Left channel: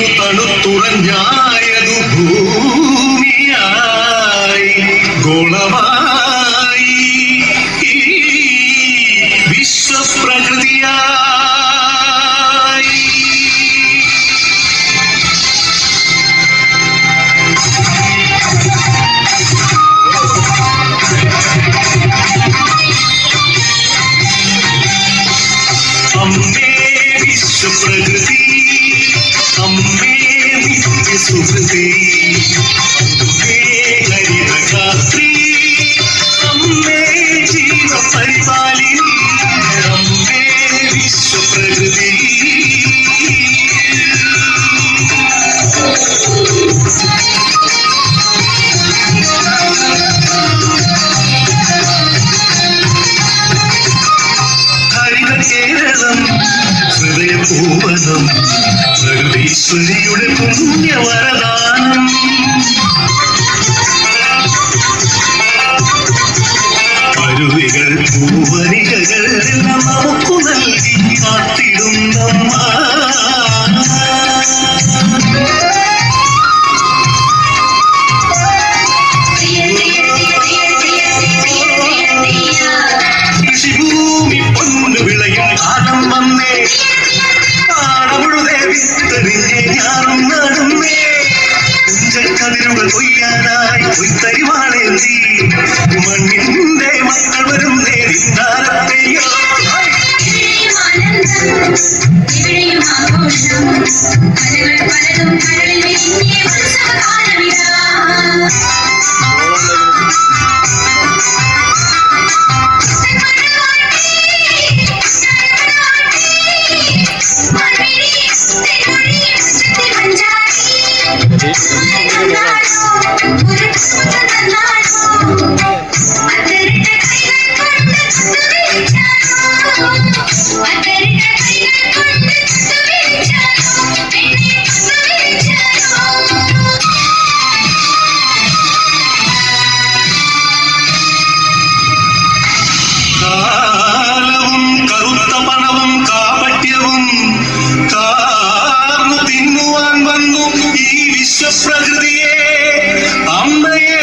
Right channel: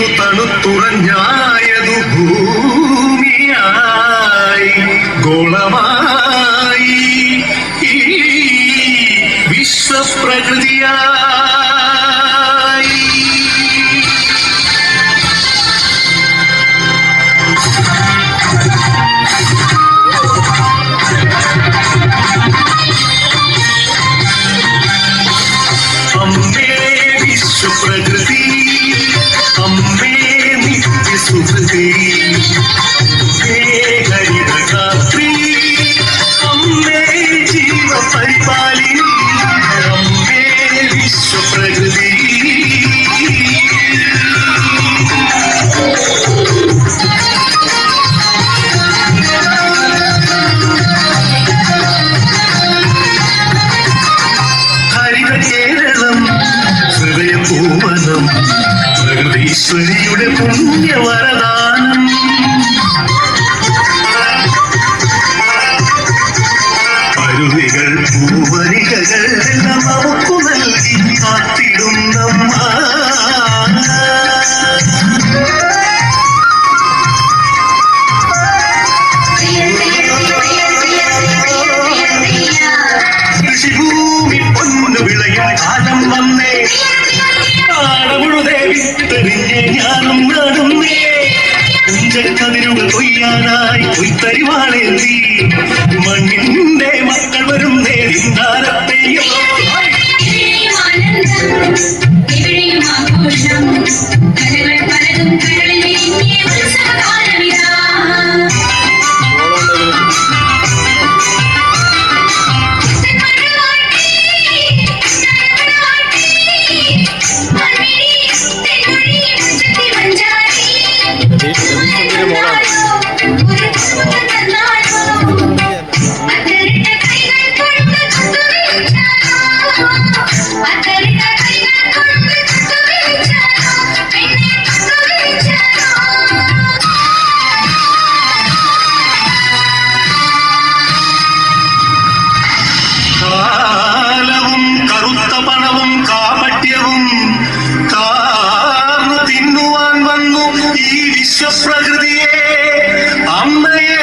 വീണു തണുത്തുറഞ്ഞായതു ഭൂമിയായി ഗോളമായി വിശ്വപ്രകൃതിയായി. അമ്മേ വിശ്വപ്രകൃതി, അമ്മേ നിത്യസുഹൃതി, അമ്മേ ഹരിതഗാത്രി, അമ്മേ ജീവപരിപാലിനി, അമ്മേ വിശ്വപ്രകൃതി. ഹരിതകേരളം ഹൃദയപൂവനം, പ്രകൃതീശ്വരിയുടെ പുണ്യവരദാനം. അരുവികൾ പൂവരികകൾ എല്ലാം നമുക്കു നൽകി കാത്തിടുന്നമ്മ. കൃഷിഭൂമി പൊന്നു വിളയാൻ കാലം വന്നേ, പാടമുഴുതേ വിത്തെറിഞ്ഞേ ഞാനും നടുന്നേ. കുഞ്ചക്കതിരുകൾ കൊയ്യാനായി കൊയ്ത്തരിവാളേന്തി മണ്ണിന്റെ മക്കൾ വരും നേരിന്താരത്തെയോ. കാലവും കറുത്ത പണവും കാപട്യവും കാർന്നു തിന്നുവാൻ വന്നു ഈ വിശ്വപ്രകൃതിയെ, അമ്മയെ.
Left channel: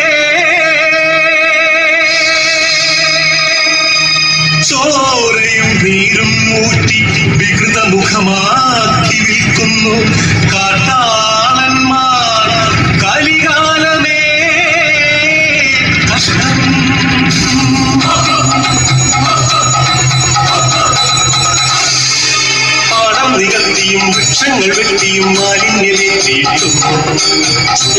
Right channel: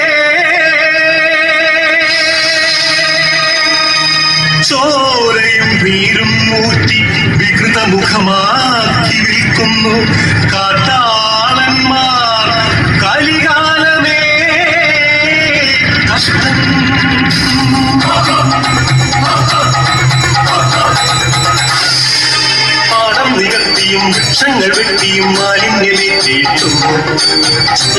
ചോരയും നീരും മൂറ്റി വികൃതമുഖമാക്കി വിൽക്കുന്നു കാട്ടാളന്മാർ. കലികാലമേ കഷ്ടം. പാടം നികത്തിയും വൃക്ഷങ്ങൾ വെട്ടിയും മാലിന്യമേറ്റിയിട്ടും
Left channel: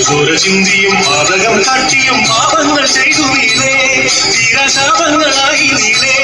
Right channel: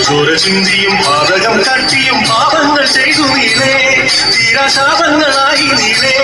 ചോര ചിന്തിയും പാതകം കാട്ടിയും പാപങ്ങൾ ചെയ്തു നീളേ, തീരാശാപങ്ങളായി നീളേ.